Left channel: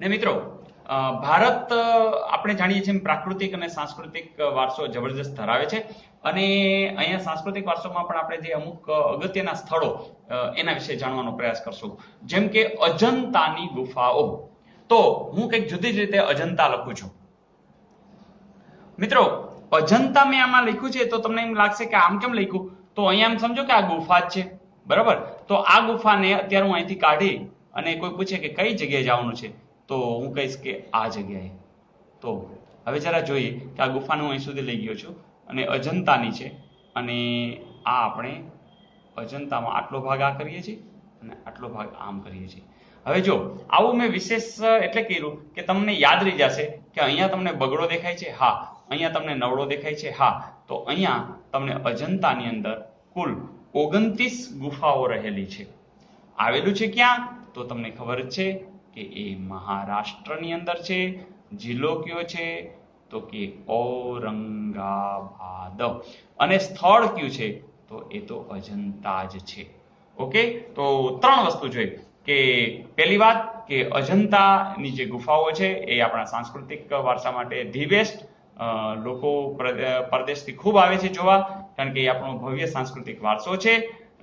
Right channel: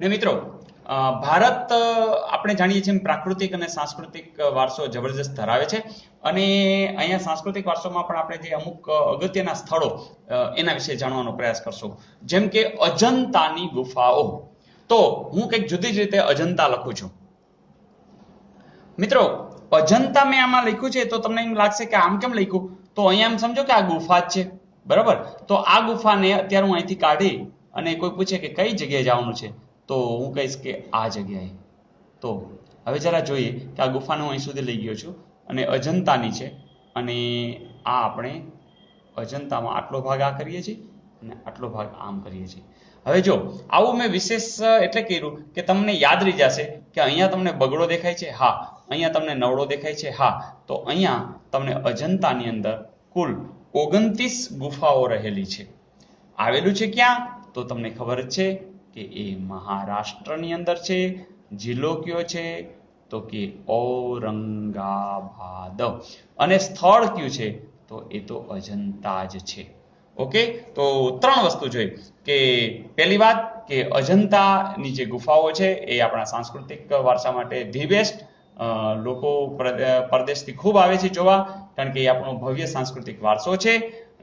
ને મિત્રો ભારત આપણે જાણીએ છીએ પ્રાકૃતિક અને સાંસ્કૃતિક વારસો જબરજસ્ત ધરાવે છે અને અહીંયા સાંસ્કૃતિક વારસોમાં પણ આપણે જે અમુક અગત્યના સ્થળો એના વિશે જાણવાનો પ્રયાસ કરશું, જેમ કે અજંતાની ગુફાઓ. તો હું કંઈક જુદી જ રીતે અજંતા લખું છું. મિત્રો અજંતા મેં આમાં લખ્યું છે તો તમને એમ લાગશે કે આમ કેમ લખ્યું, તો અહીંયા એમ સમજો કે આ ગુફા જ છે, બરાબર. તો આ ગુફાને અત્યારે હું અહીંથી કાઢી અને કોઈ પૂછે કે કઈ જગ્યાએ જવાનું છે, તો હું કહીશ કે આ જગ્યાએ. તો હવે જરા જોઈએ કે આ ગુફાને હું અહીં સુધી લઈ ગયો છું અને અજંતાની છે અને આ આપણે અજંતામાં આટલો ભાગ આ કરીએ છીએ અને આટલો ભાગ આમ કરીએ છીએ. હવે જો આવું મેં વિશેષ એટલે કર્યું કે તમને યાદ રહી જશે કે અહીંયા તમને બગડો દેખાય છે, હા. અહીંયા તમને નવડો દેખાય છે, હા. તો અહીંયા તમને અજંતાની અંદર કુલ 29 ગુફાઓ રહેલી છે. આવેલું છે ક્યાં, તો તમને ખબર જ છે કે એ મહારાષ્ટ્રની અંદર છે. જિલ્લો કયો છે, તો કે ઔરંગાબાદ. અને સ્થળ કયું છે, તો એ તો અજંતા જ છે. ઓકે, તો ત્રણ વસ્તુ જોઈ કે પહેલી વાત કે અજંતાની જે ગુફાઓ છે એ આપણા સાંસ્કૃતિક વારસા માટે ધી બેસ્ટ. લોકો પરદેશથી ખૂબ આવે છે જોવા, કારણ કે એ આપણો ભવ્ય સાંસ્કૃતિક વારસો છે.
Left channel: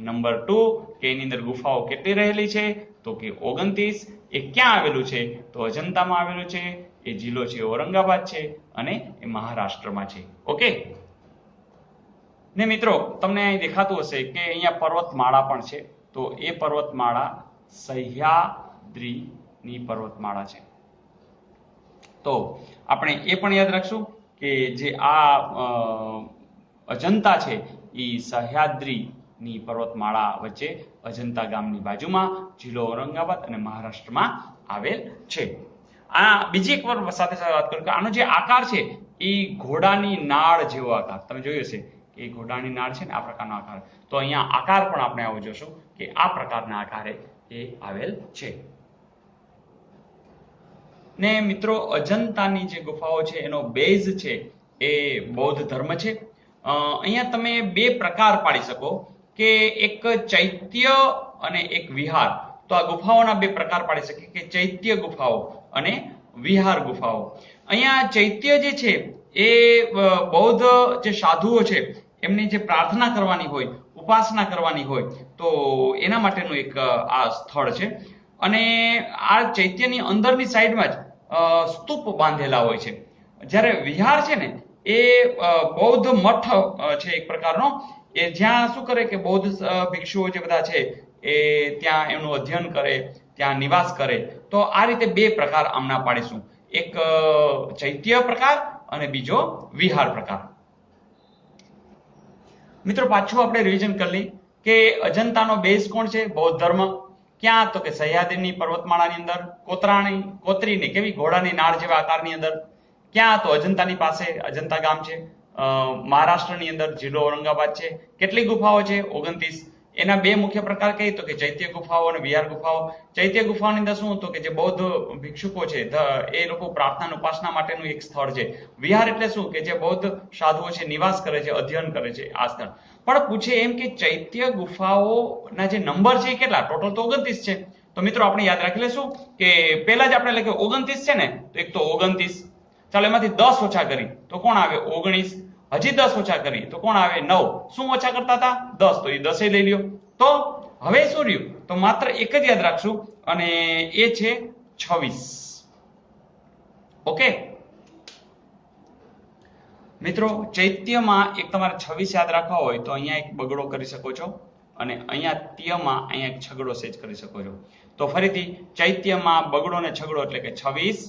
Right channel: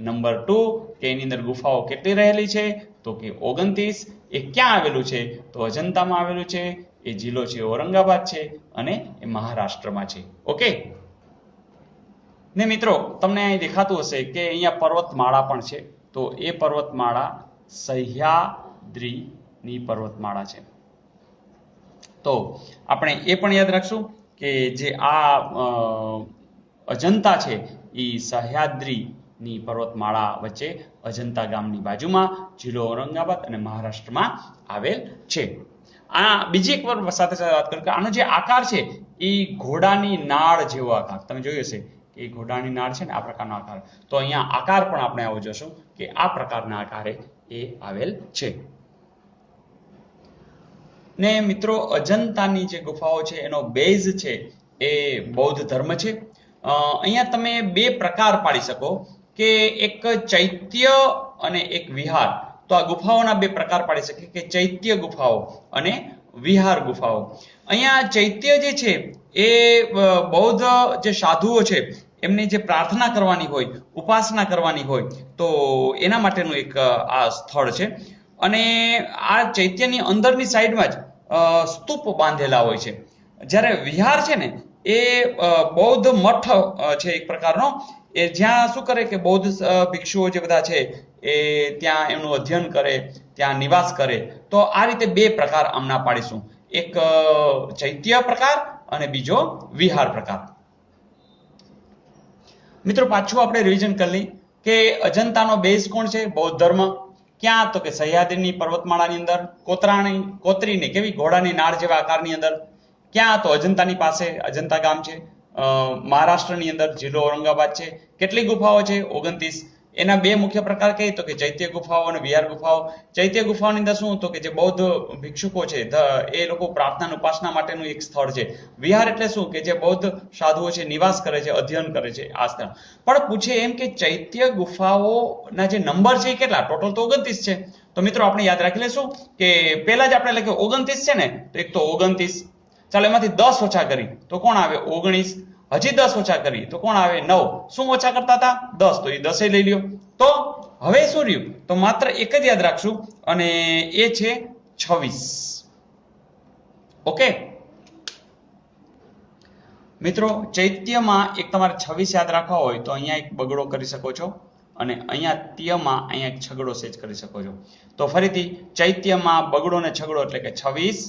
નંબર 2 કે એની અંદર ગુફાઓ કેટલી રહેલી છે, તો કે 29. એ ક્યાં આવેલું છે, તો અજંતામાં આવેલું છે. એ જિલ્લો છે ઔરંગાબાદ છે અને એ મહારાષ્ટ્રમાં છે. ઓકે ને મિત્રો તમને અહીં દેખાતું હશે કે અહીંયા પર્વતમાળા પણ છે. તો એ પર્વતમાળા સહ્યાદ્રીની પર્વતમાળા છે. તો આપણે એ પણ યાદ રાખશું કે જે આ અજંતા છે એ સહ્યાદ્રીની પર્વતમાળા વચ્ચે અજંતા ગામની બાજુમાં જિલ્લો ઔરંગાબાદ અને મહારાષ્ટ્રમાં આવેલ છે. આ બીજી એક વાર સાથે સાથે વાત કરું કે આનો જે આકાર છે એ ઘોડાની નાળ જેવો આકાર તમે જોયો હશે કે ઘોડાની નાળ છે ને આ પ્રકારનો આકાર. તો અહીંયા આકાર પણ આપણે આવો જોશું કે આ પ્રકારના આકારે એ આવેલ છે. ને મિત્રો અજંતાની જે ગુફાઓ છે એનો બેઝ છે એ બૌદ્ધ ધર્મ છે. અહીંયા તમે બે પ્રકાર પાડી શકો કે એક ચૈત્ય અને એક વિહાર. તો આ ગુફાઓના બે પ્રકાર પાડી શકીએ કે ચૈત્ય ગુફાઓ અને વિહાર ગુફાઓ. અહીંયા ચૈત્ય જે છે એ બૌદ્ધ જે સાધુઓ છે એમની જે પ્રાર્થના કરવાની હોય, ઉપાસના કરવાની હોય, તો એના માટેનું એક આ સ્થળ છે. અને આ ચૈત્યની અંદરની સાઈડમાં જ સ્તૂપ બાંધેલા હોય છે. જ્યારે વિહાર છે ને એ બૌદ્ધ મઠ છે એક પ્રકારનો, એ જ્યાં શું કરે કે બૌદ્ધ ભિક્ષુઓ જે બધા છે એ ત્યાં એમનું અધ્યયન કરે, ત્યાં નિવાસ કરે. તો આ રીતે બે પ્રકાર આમના પાડીશું, એક ચૈત્ય પ્રકાર અને બીજો વિહાર પ્રકાર. મિત્રો પાછું આપણે રિવિઝન કરી લઈએ કે અજંતાનો બેઝ કોણ છે, બૌદ્ધ ધર્મ. ક્યાં, તો કે સહ્યાદ્રીની પર્વતમાળાની અંદર કોતરીને કેવી ઘોડાની નાળ જેવા આકારની અંદર. ક્યાં, તો અજંતાની પાસે અજંતા ગામ છે. મહારાષ્ટ્રની અંદર જિલ્લો ઔરંગાબાદ છે. કેટલી ગુફાઓ છે, 29. એના બે મુખ્ય પ્રકાર કઈ, તો કે ચૈત્ય ગુફાઓ અને વિહાર ગુફાઓ. ચૈત્ય ગુફાઓની અંદર શું, તો કે જે બૌદ્ધ ભિક્ષુકો છે એ લોકો પ્રાર્થના ઉપાસના માટેનું એક સ્થળ છે. વિહાર એટલે શું, કે જે બૌદ્ધ સાધુઓ છે નિવાસ કરે છે, અધ્યયન કરે છે, આ સ્થળ. પણ પૂછે એમ કે ચૈત્ય ગુફાઓના જે નંબર છે એ કેટલા, ટોટલ તો 29 છે. તો મિત્રો આપણે યાદ રાખી લેશું કે પહેલા જ આપણે લખ્યું 29 છે ને, તો એક તો 29. ચાલો એમાંથી 10 ઓછા કરી તો કોણ આવે, 19. હજી 10 ઓછા કરી તો કોણ આવે, 9. શું ઓછા કરતા હતા, 10, તો એ 10 લઈ લ્યો. તો હવે શું રહ્યું, તો માત્ર એક જ યાદ રાખશું અને એ છે 26. ઓકે મિત્રો, ચૈત્યમાં એક તમારે 26 યાદ રાખવા હોય તો અહીંયા એક બગડો કરી શકો છો અને અહીંયા ત્યમાં અહીંયા એક છગડો સેજ કરી શકો છો. તો ફરીથી ચૈત્યમાં બગડો ને છગડો એટલે કે 26,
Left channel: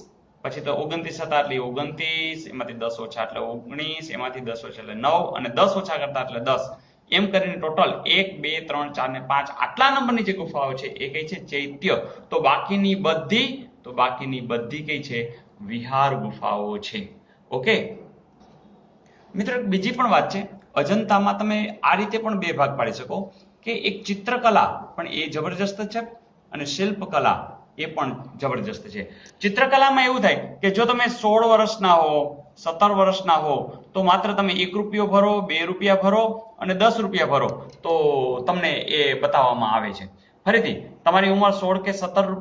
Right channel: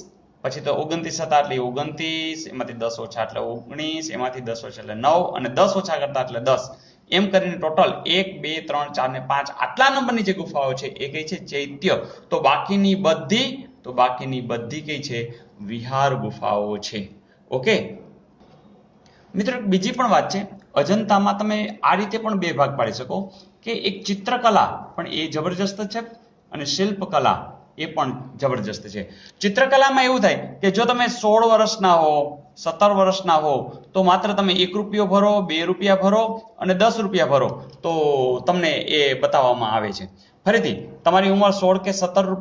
પછી તો 29 હતા એટલે 29, એમાંથી 10 ઓછા એટલે 19, એમાંથી 10 ઓછા એટલે 9 અને 10 ઓછા કરતા એટલે 10. એમ કરીને ટોટલ 1 2 3 4 ને 5 આટલા નંબરની જે ગુફાઓ છે એ કઈ છે, ચૈત્ય. તો બાકીની બધી કઈ છે, વિહાર ગુફાઓ છે. ઓકે મિત્રો બીજી પણ વાત છે, અજંતામાં તમે આ રીતે પણ બે ભાગ પાડી શકો કે એક ચિત્રકલા પણ એ જબરજસ્ત છે અને શિલ્પકલા એ પણ જબરજસ્ત છે. ચિત્રકલામાં એવું થાય કે જો તમે 16 વર્ષના હો, 17 વર્ષના હો, તો માત્ર તમે 1 રૂપિયો ભરો, 2 રૂપિયા ભરો અને 10 રૂપિયા ભરો તો તમને એ બતાવવામાં આવે છે. ફરીથી તમારી ઉંમર 16 કે 17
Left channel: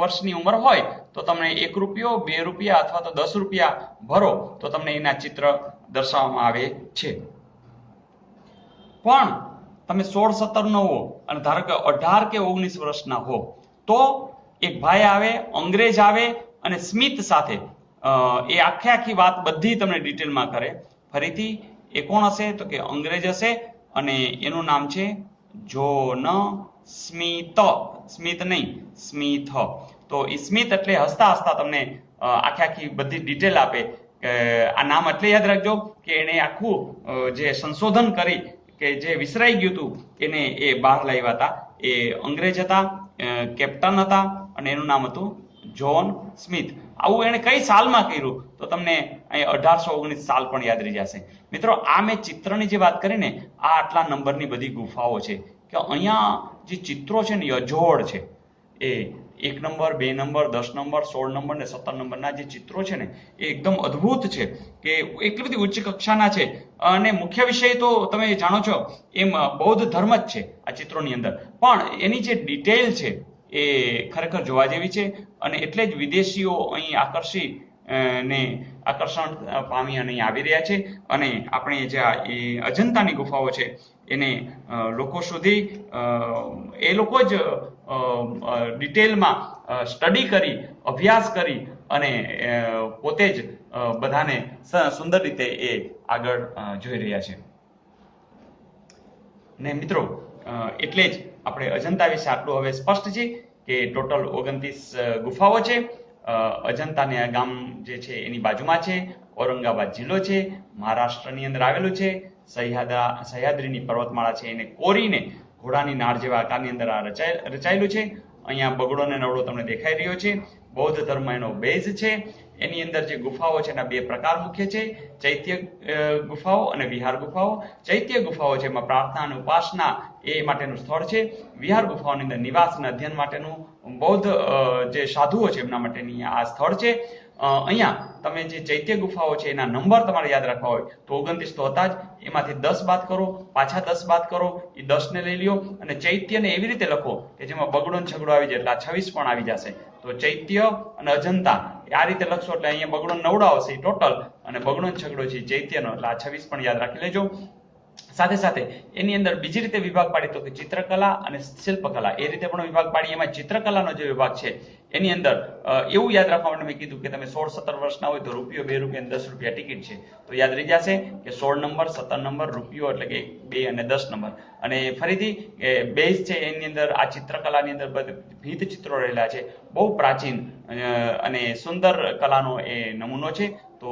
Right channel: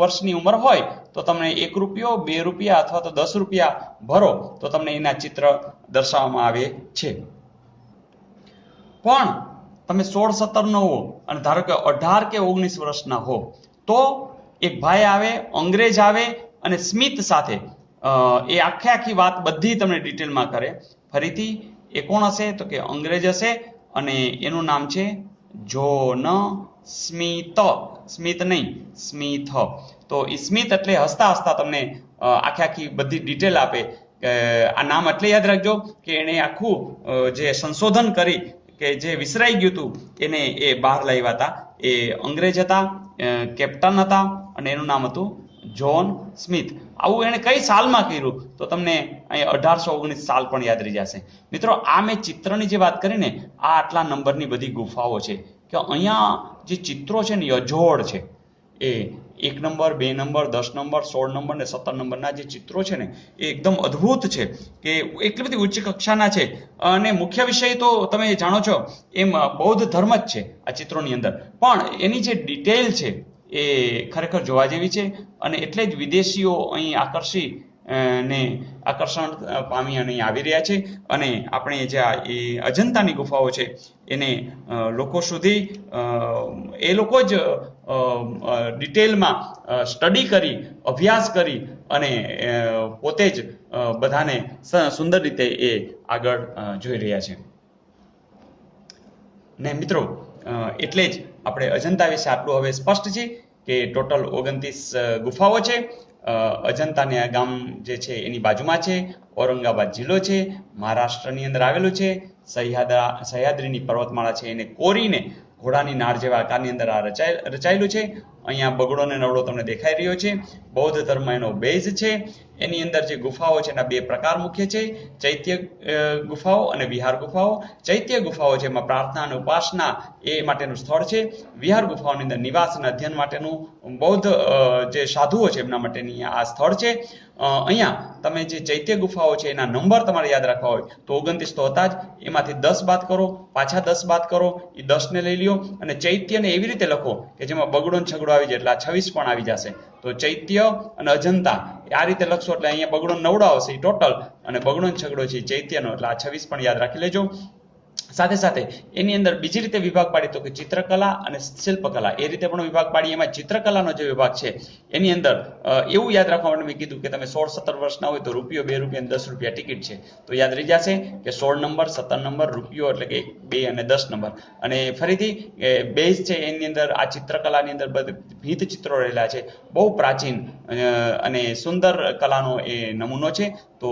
વર્ષની ઉંમર હોય તો તમને 1 રૂપિયો, 2 રૂપિયા અથવા તો 10 રૂપિયા ભરો તો તમને એના ચિત્ર દર્શાવવામાં આવે છે. પણ તમે 16, 17 નો હો અને ધારો કે 18 કે 19 વર્ષના હો તો એક ભાઈ આવે, અંગ્રેજ આવે અને સ્મિથ સાથે એ આખી વાત બધી તમને ડિટેલમાં કરે. ફરીથી એ કોણ હશે તો કે અંગ્રેજ હશે અને એનું નામ છે જોન સ્મિથ. સ્મિથ નહીં, સ્મિથ. તો એ સ્મિથ એટલે હસતા હસતા તમને આખી બધી ડિટેલ આપે. આ નામ એટલે યાદ રાખજો કે એને આખું જે સંશોધન કરી કે જે વિસરાઈ ગયું હતું એને એ બહાર લાવ્યા હતા. એ અંગ્રેજ હતા, કેપ્ટન હતા અને એનું નામ હતું જોન સ્મિથ. આવું એને કઈ સાલમાં કર્યું તો તમને અહીં 1819 સાલ પણ યાદ રહી જશે. મિત્રો, આ મેં ચિત્રની જે વાત કરી ને, આ આટલા નંબરની બધી ગુફાઓ છે કે અહીંયા જે ચિત્રો છે ને એ અજોડ છે. એ 1 નંબર, 2 નંબર, 10 નંબર, 16 નંબર ને 17 નંબરના જે ચિત્રો છે ને એ એકદમ અદ્ભુત છે કે એટલી બધી ઉચ્ચ કક્ષાના છે. અને મુખ્ય વિષય તો તમે જાણો છો એમ બૌદ્ધ ધર્મ જ છે આ ચિત્રોની અંદર, પણ એની જે ડિટેલ છે એ ખરેખર જોવા જેવી છે. અને એટલે જ વિદેશીઓ અહીં આકર્ષણ પામી અને અહીં આવી રહ્યા છે. અને આપણે જે એ અજંતાની ગુફાઓ છે એને લોકો સુધી એ લોકો જ ડિટેલમાં સ્ટડી કરી, અભ્યાસ કરી અને પોતે જ બધાને સુંદર રીતે એ આગળ જોઈ રહ્યા છે. ને મિત્રો, એટલે જ આપણે અજંતા વિશે આટલું હવે સ્પષ્ટ છે કે ટોટલ 29 ગુફાઓ છે. અજંતાના ગામ જે છે એની બાજુમાં છે. ઔરંગાબાદ જિલ્લો છે, મહારાષ્ટ્રની અંદર આવેલું છે. સહ્યાદ્રીની પર્વતમાળા છે એને કોરીને ઘોડાની નાળ જેવા આકારની અંદર આ રચાયેલું છે. અહીંયા બગડો ને નવડો તમને દેખાઈ રહ્યો છે. બૌદ્ધ ધર્મ એનો બેઝ છે. એની અંદર જે ગુફાઓ છે એના 2 પ્રકાર મુખ્ય છે, ચૈત્ય ગુફાઓ અને વિહાર ગુફાઓ. ચૈત્ય ગુફાઓ છે એમાં પ્રાર્થના અને ઉપાસના એ માટેનું સ્થળ છે. વિહાર ગુફાઓની અંદર નિવાસ અને અધ્યયન માટેનું બૌદ્ધ જે સાધુઓ છે એમના માટેની આ સ્થળ છે. અહીંયા તમે જે ચૈત્ય ગુફાઓ છે એના નંબર તમારે યાદ રાખવા હોય તો 29 તો હતા જ, એમાંથી 10 બાદ કરો, પાછા 10 બાદ કરો, એ 10 ને લઈ લ્યો અને ચૈત્યને એવી રીતે લખો કે જેમાં બગડો ને છગડો આવી જાય એટલે આ 26 પણ આવી જશે. તો ચૈત્ય અને અજંતા આ રીતે લખશો એટલે અહીંયા બગડો નવડો આવશે ટોટલ, અને બગડો ને છગડો છે ચૈત્યનો એટલે આ 26 પણ યાદ રાખી લેજો. સાથે સાથે એની અંદર બીજી રીતે વિભાગ પાડી તો કે ચિત્રકલા અને શિલ્પકલા એ રીતે પણ વિભાગ પાડી. એમાં ચિત્રકલાનો જે વિભાગ છે એની અંદર એવું યાદ રાખવા માટે મેં કીધું કે તમે 16-17 વર્ષના હોય તો રૂપિયો, 2 રૂપિયા અને 10 રૂપિયા ટિકિટ છે તો યાદ રહી જશે કે 16 નંબર, 17 નંબર, રૂપિયો એટલે કે 2 અને 10 નંબર. અને ફરીથી બેઝ છે એની અંદર આ ચિત્રકલાની અંદર ભીત ચિત્રો રહેલા છે. બહુ પ્રાચીન અને સુંદર કલાનો એ નમૂનો છે તો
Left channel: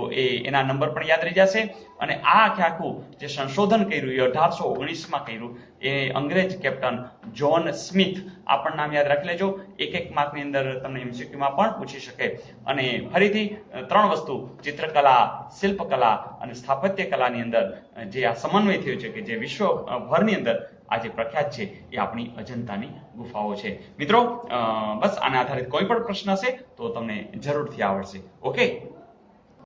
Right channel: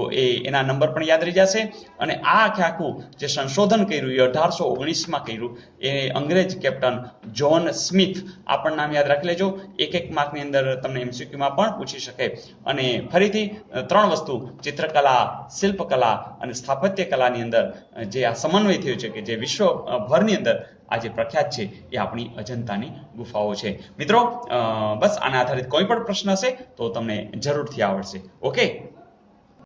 એના નંબર પણ યાદ રહી જશે. અને આ આખું જે સંશોધન કર્યું એ 1819માં કર્યું એ અંગ્રેજ કેપ્ટન જોન સ્મિથ. આ પણ નામ યાદ રાખી લેજો, એક માર્કની અંદર તમને MCQમાં પણ પૂછી શકે. અને ફરીથી 3 વસ્તુ ચિત્રકલા, શિલ્પકલા અને સ્થાપત્ય કલાની અંદર જે આ સમન્વય થયો છે કે જે વિશ્વભરની અંદર આજે પ્રખ્યાત છે એ આપણી અજંતાની ગુફાઓ છે. મિત્રો, બસ આના આધારિત કોઈ પણ પ્રશ્ન હશે તો તમને જરૂરથી આવડશે. ઓકે.